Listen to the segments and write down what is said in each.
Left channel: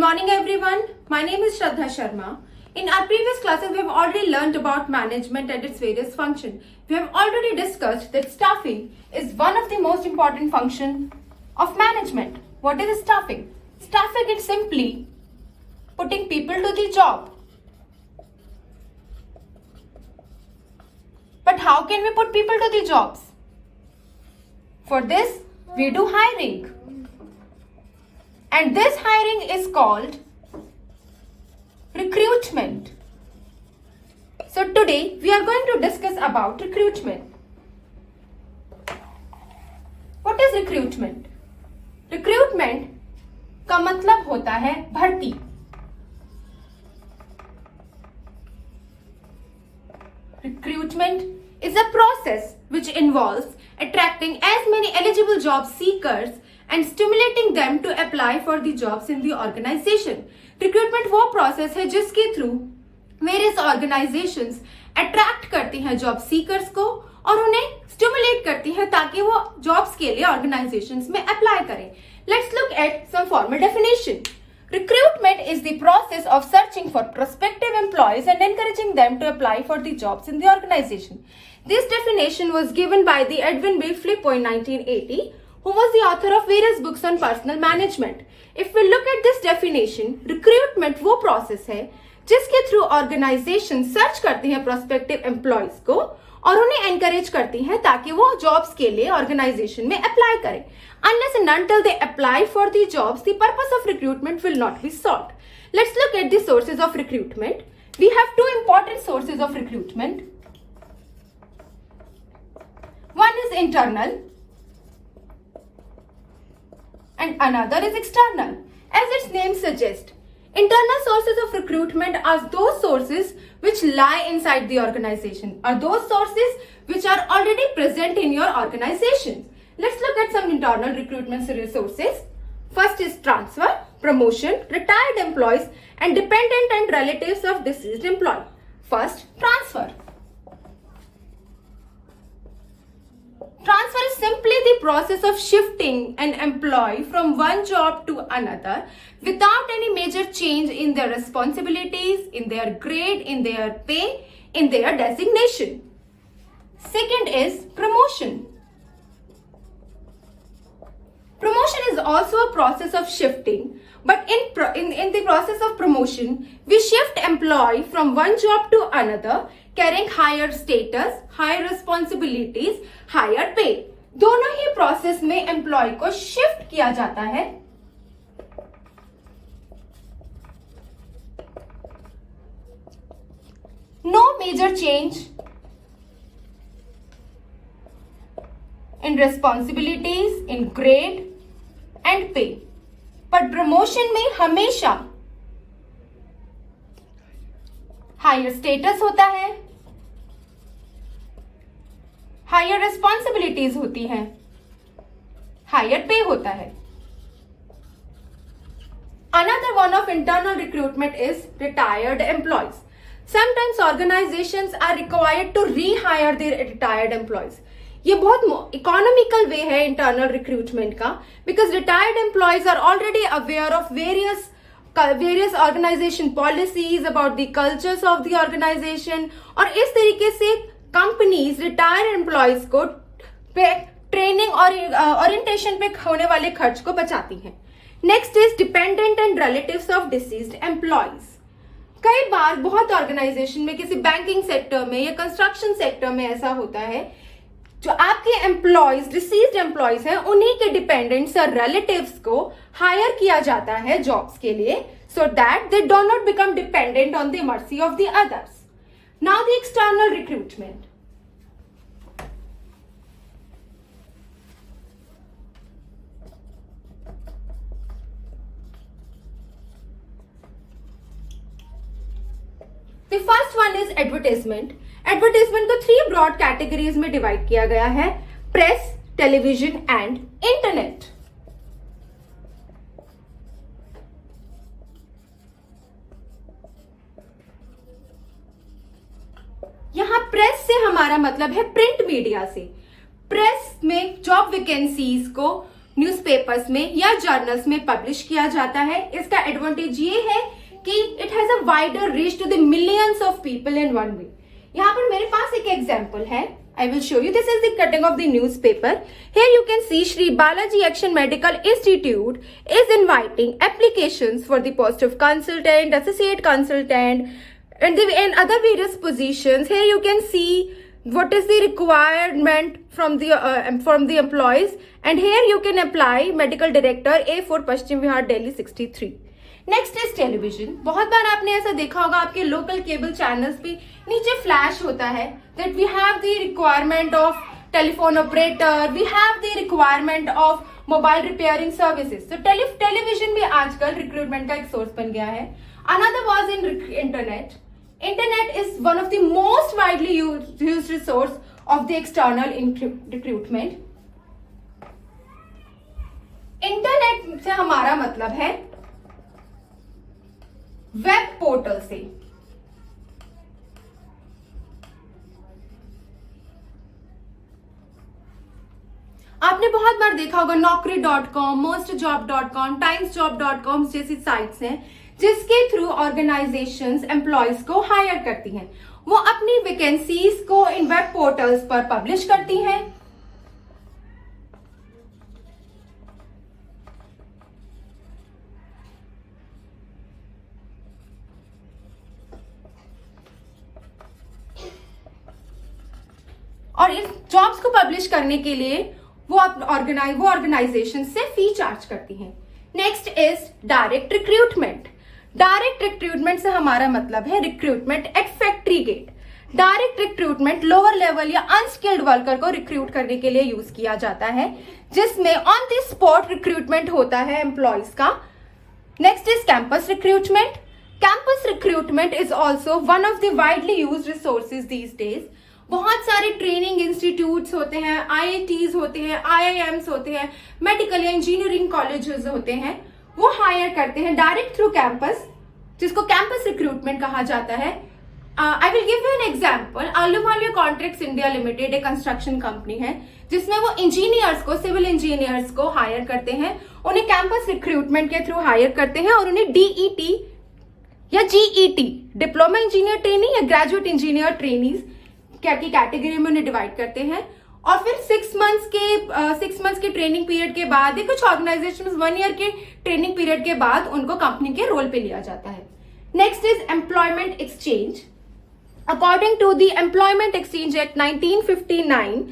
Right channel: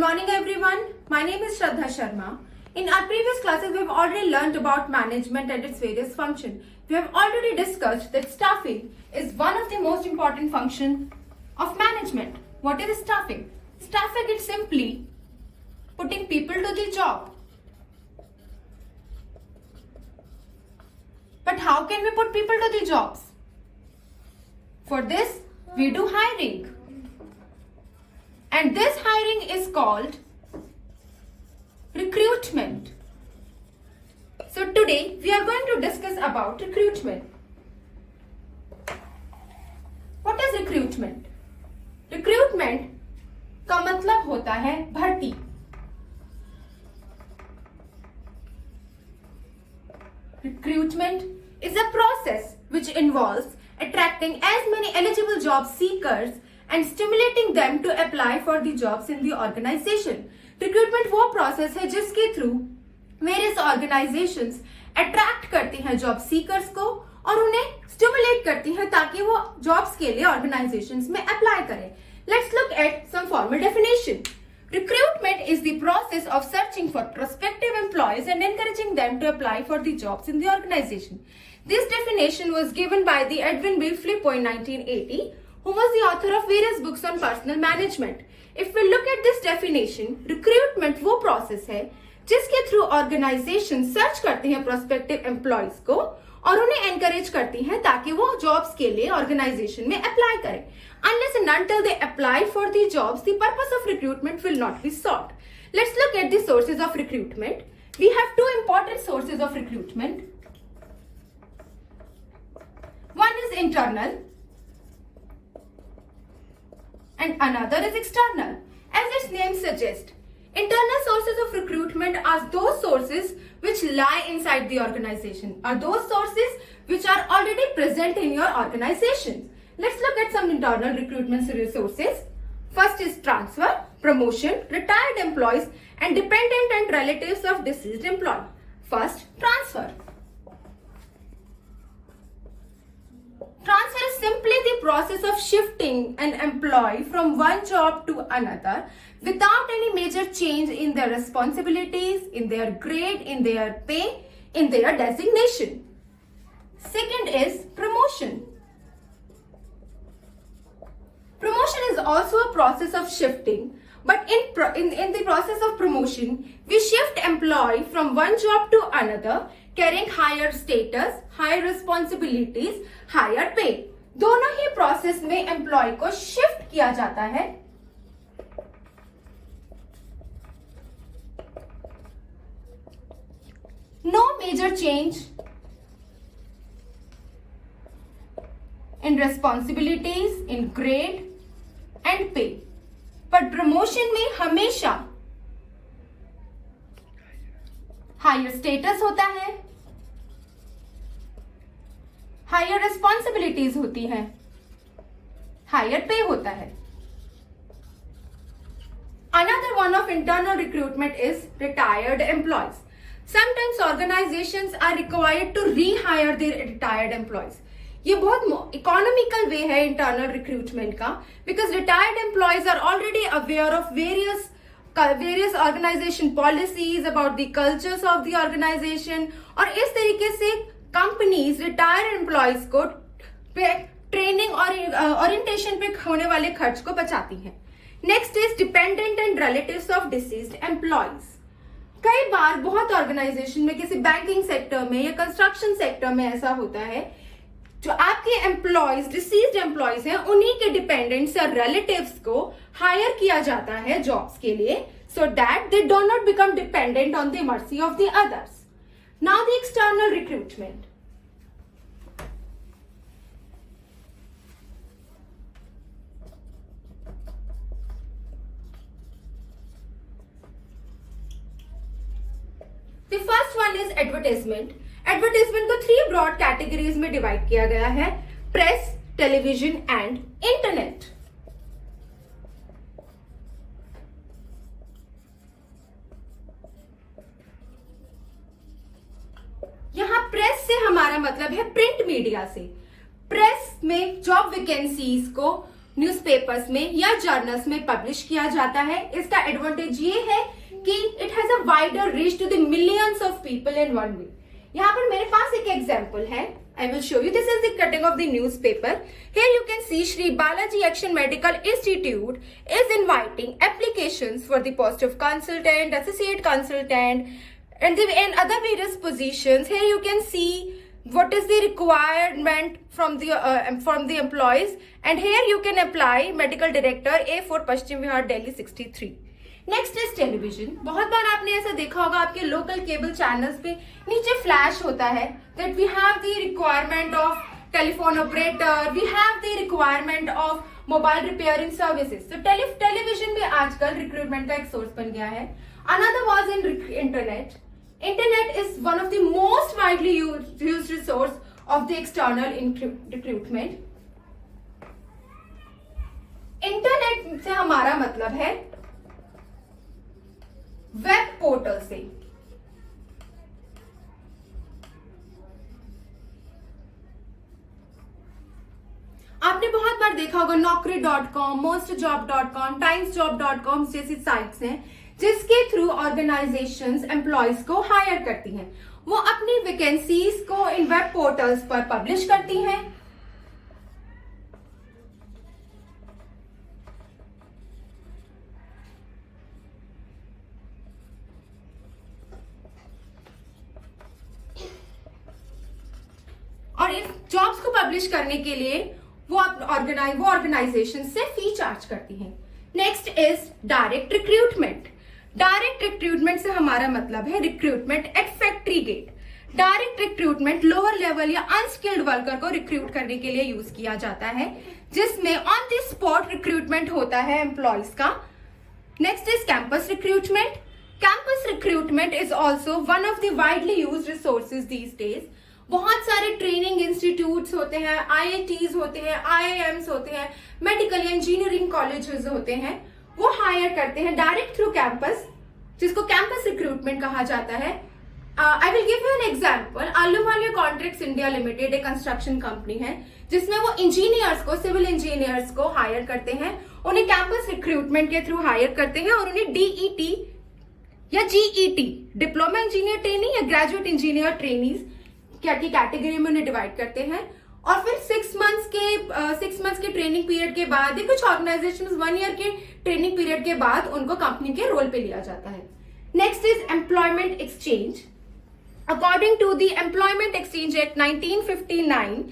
morning everyone. My name is Shraddha Sharma. In our previous classes, we have already learned about management and its various functions. We have already discussed that staffing is one of the most important functions of management. What is staffing? Staffing is simply putting people to the job. But how can we put people to the jobs? For this, we do hiring. And this hiring is called recruitment. So today we are going to discuss about recruitment. What is recruitment? Recruitment का मतलब होता है भर्ती. Recruitment is a process which involves attracting as many eligible job seekers and stimulating them to apply for the jobs in the organization. Recruitment वो process है जिसके through various organizations attract करती हैं job seekers को और उन्हें stimulate करती हैं ताकि वो jobs के लिए organizations में apply करें. Let's look at some formal definition. Recruitment is the process of searching for prospective employees and encouraging them to apply for the jobs in the organization. This definition was given by the Edwin B. Flippo in 1980, who was the author of various books on personal management. If we look at this definition, recruitment वो process है जिसके through organization search करती हैं prospective employees को और उन्हें encourage करती हैं ताकि वो jobs के लिए organization में apply करें. Unless and until they apply for the jobs, the purpose of recruitment will not be sought. Let's look at the sources of recruitment. We have two important sources of recruitment. One is internal and another is external. As its name suggests, internal sources of recruitment are those sources which lie inside the organization, or those sources which are already present in your organization. Let's look at some internal recruitment resources. First is transfer, promotion, retired employees, and dependent and relatives of deceased employee. First, transfer. Transfer is simply the process of shifting an employee from one job to another without any major change in their responsibilities, in their grade, in their pay, in their designation. Second is promotion. Promotion is also a process of shifting, but in the process of promotion, we shift employee from one job to another, carrying higher status, higher responsibilities, higher pay. दोनों ही process में employee को shift किया जाता है. No major change in responsibilities, in grade and pay. पर promotion में हमेशा higher status होता है, higher responsibilities होती हैं, higher pay होता है. Another one of internal recruitment is retired employees. Sometimes organizations are required to rehire their retired employees. ये बहुत इकोनॉमिकल वे है इंटरनल रिक्रूटमेंट का, because retired employees are already aware of various organisation policies about the cultures of the organisation, और इस तरीके से companies retired employees को training और ओरिएंटेशन पे होने वाले खर्च को बचाती हैं. Next is dependent and relatives of deceased employees. कई बार बहुत ऑर्गेनाइजेशन में, किसी बैंकिंग सेक्टर में या कंस्ट्रक्शन सेक्टर में ऐसा होता है, जो आपके एम्प्लॉयज डिसीज्ड एम्प्लॉयज हैं उन्हीं के डिपेंडेंट्स या रिलेटिव्स को हायर किया जाता है जॉब्स के लिए, सो that they do not become dependent on the mercy of the others. Now the external recruitment. The first one is advertisement. Advertisement को 3 ब्रॉड कैटेगरीज में डिवाइड किया गया है: प्रेस, टेलीविजन एंड इंटरनेट. यहां प्रेस से हमारा मतलब है प्रिंट मीडिया से. प्रेस में जॉब वैकेंसीज को न्यूज़पेपर्स में या जर्नल्स में पब्लिश किया जाता है। इसका एडवांटेज ये है कि it has a wider reach to the millions of people in one way. यहाँ पर मेरे पास एक एग्जाम्पल है, I will show you. This is the cutting of the newspaper. Here you can see Shri Balaji Action Medical Institute is inviting applications for the post of consultant, associate consultant, and other various positions. Here you can see what is the requirement from the employees, and here you can apply medical director A4 Paschim Vihar Delhi 63. Next is television. बहुत बार आपने ऐसा देखा होगा आपके local cable channels पे नीचे flash होता है that we have the requirement of telephone operator, we have the requirement of mobile repairing services. तो टेलीविजन भी आजकल रिक्रूटमेंट का एक सोर्स बन गया है। Another was in internet. Internet is one of the most widely used resource of the external recruitment. Internet से हमारा मतलब है वेब पोर्टल से। आपने बहुत बार देखा होगा naukri.com, mostjob.com, timesjob.com जैसी साइट्स हैं जिसके थ्रू ऑर्गेनाइजेशंस एम्प्लॉयज को हायर करती हैं। वो अपनी वैकेंसीज को इन वेब पोर्टल्स पर पब्लिश करती हैं। और इस जॉब्स को पब्लिश करने के लिए वो ऑर्गेनाइजेशन से फी चार्ज करती हैं। Next is direct recruitment. Direct recruitment से हमारा मतलब है recruitment at factory gate. Direct recruitment lower level या अनस्किल्ड वर्कर को रिक्रूट करने के लिए यूज किया जाता है, जिसमें ऑन द स्पॉट रिक्रूटमेंट होता है एम्प्लॉयज का। Next is campus recruitment. Campus recruitment is also one of the widely used resources these days. बहुत सारे ट्रेनिंग इंस्टीट्यूट्स होते हैं, IITs होते हैं, IIMs होते हैं, मेडिकल या इंजीनियरिंग कॉलेजेस होते हैं, वो हायर करते हैं डायरेक्ट थ्रू कैंपस, जिसको कैंपस रिक्रूटमेंट कहा जाता है। I will give you an example. अल्लुमालिया कॉन्ट्रैक्ट्स इंडिया लिमिटेड एक कंस्ट्रक्शन कंपनी है जिसमें वो इंजीनियर्स को, सिविल इंजीनियर्स को हायर करते हैं, उन्हें कैंपस रिक्रूटमेंट के थ्रू हायर करते हैं और उन्हें DET या GET, डिप्लोमा इंजीनियर ट्रेनी या ग्रेजुएट इंजीनियर ट्रेनीज की कैटेगरी में उन्हें डिवाइड करते हैं। और फिर 6 मंथ्स के ट्रेनिंग पीरियड के बाद, कुछ ऑर्गेनाइजेशन 1 ईयर के ट्रेनिंग पीरियड के बाद उनको कंपनी के रोल पे लिया जाता है। Next is employment exchange. According to the employment exchange act 1959,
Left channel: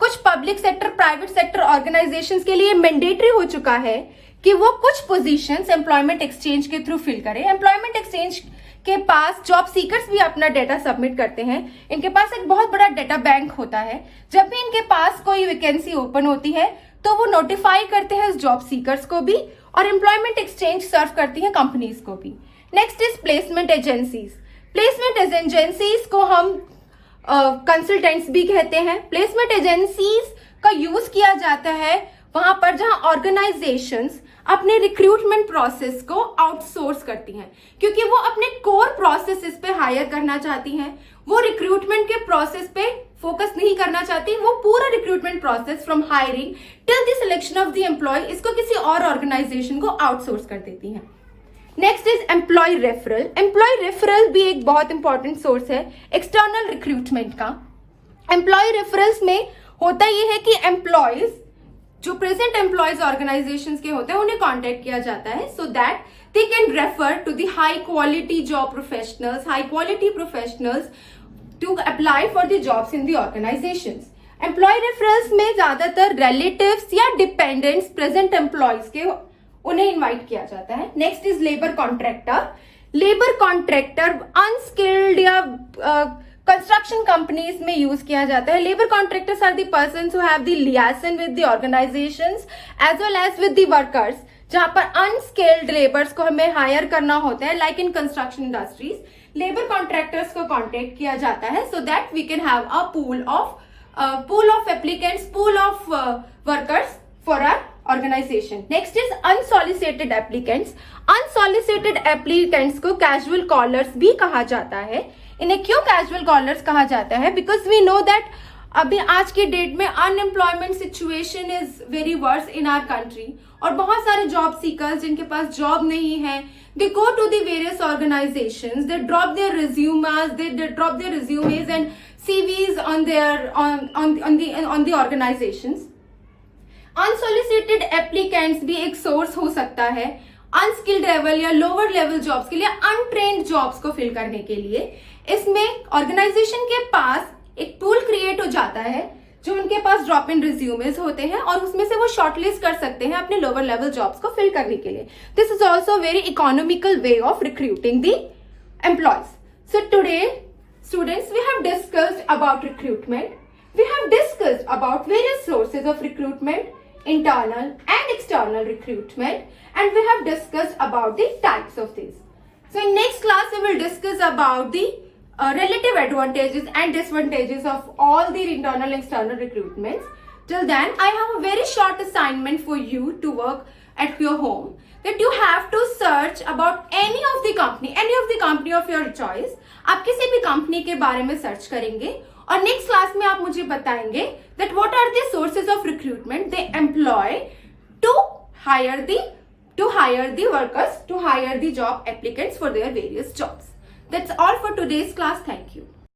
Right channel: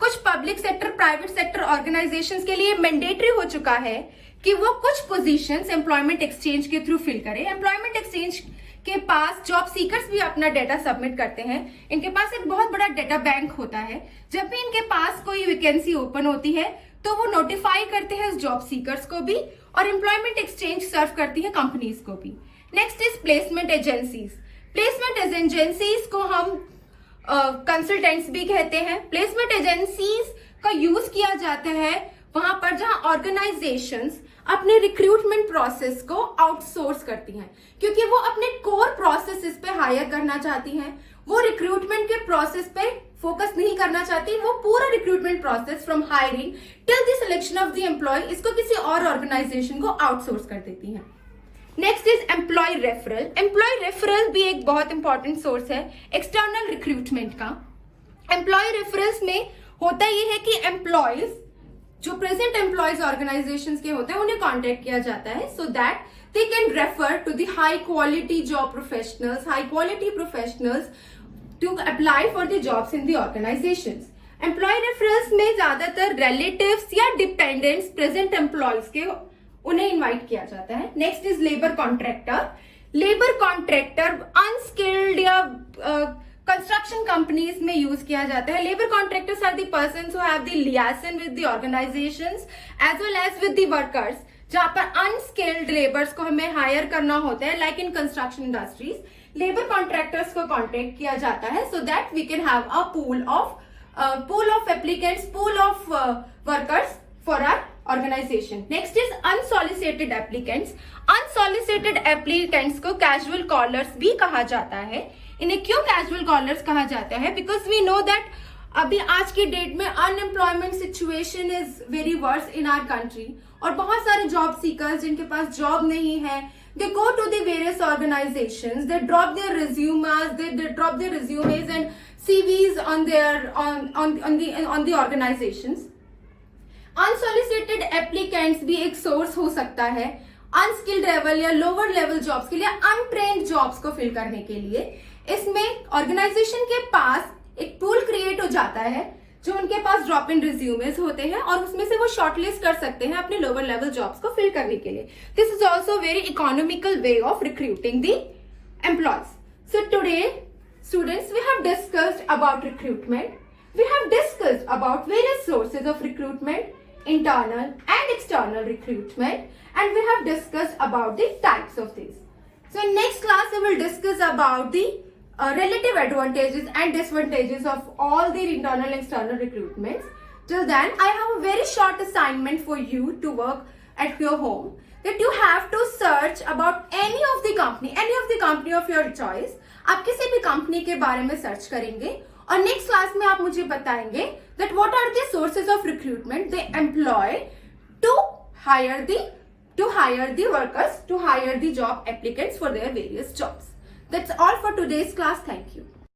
कुछ public sector, private sector organisations के लिए मैंडेटरी हो चुका है कि वो कुछ पोजीशंस एम्प्लॉयमेंट एक्सचेंज के थ्रू फिल करें। एम्प्लॉयमेंट एक्सचेंज के पास जॉब सीकर्स भी अपना डेटा सबमिट करते हैं। इनके पास एक बहुत बड़ा डेटा बैंक होता है। जब भी इनके पास कोई वैकेंसी ओपन होती है तो वो नोटिफाई करते हैं उस जॉब सीकर्स को भी, और एम्प्लॉयमेंट एक्सचेंज सर्व करती है कंपनीज को भी। Next is placement agencies. Placement agencies को हम कंसल्टेंट्स भी कहते हैं। प्लेसमेंट एजेंसीज का यूज किया जाता है वहां पर जहां ऑर्गेनाइजेशंस अपने रिक्रूटमेंट प्रोसेस को आउटसोर्स करती हैं, क्योंकि वो अपने कोर प्रोसेसेस पे हायर करना चाहती हैं। वो रिक्रूटमेंट के प्रोसेस पे फोकस नहीं करना चाहती, वो पूरा recruitment process from hiring till the selection of the employee इसको किसी और ऑर्गेनाइजेशन को आउटसोर्स कर देती हैं। Next is employee referral. Employee referral भी एक बहुत इंपॉर्टेंट सोर्स है एक्सटर्नल रिक्रूटमेंट का। एम्प्लॉय रेफरल्स में होता यह है कि एम्प्लॉयज जो प्रेजेंट एम्प्लॉयज ऑर्गेनाइजेशंस के होते हैं उन्हें कांटेक्ट किया जाता है so that they can refer to the high quality job professionals, high quality professionals to apply for the jobs in the organisations. Employee referrals में ज्यादातर रिलेटिव्स या डिपेंडेंट्स प्रेजेंट एम्प्लॉयज के उन्हें इन्वाइट किया जाता है। Next is labour contractor. Labour contractor unskilled या construction companies में यूज किया जाता है। Labour contractors are the persons who have the liaison with the organisations as well as with the workers, जहां पर अनस्किल्ड लेबर्स को हमें हायर करना होता है like in construction industries. Labour contractors को कॉन्टेक्ट किया जाता है so that we can have a pool of applicants, pool of workers for our organisation. Next is unsolicited applicants. Unsolicited applicants को कैजुअल कॉलर्स भी कहा जाता है। इन्हें क्यों कैजुअल कॉलर्स कहा जाता है? बिकॉज वी नो दैट अभी आज के डेट में unemployment situation is very worse in our country और बहुत सारे जॉब सीकर्स जिनके पास जॉब नहीं है, they go to the various organizations, they drop their resumes and CVs on the organizations. Unsolicited applicants भी एक सोर्स हो सकता है अनस्किल्ड लेवल या लोअर लेवल जॉब्स के लिए, अनट्रेन्ड जॉब्स को फिल करने के लिए. इसमें ऑर्गेनाइजेशन के पास एक टूल क्रिएट हो जाता है जो उनके पास ड्रॉप इन रिज्यूमेस होते हैं और उसमें से वो शॉर्टलिस्ट कर सकते हैं अपने लोअर लेवल जॉब्स को फिल करने के लिए. This is also very economical way of recruiting the employees. So today students, we have discussed about recruitment. We have discussed about various sources of recruitment, internal and external recruitment, and we have discussed about the types of these. So in next class we will discuss about the relative advantages and disadvantages of all the internal and external recruitments. Till then, I have a very short assignment for you to work at your home, that you have to search about any of the company of your choice. आप किसी भी कंपनी के बारे में सर्च करेंगे और next class में आप मुझे बताएंगे that what are the sources of recruitment they employ to hire the workers, to hire the job applicants for their various jobs. That's all for today's class. Thank you.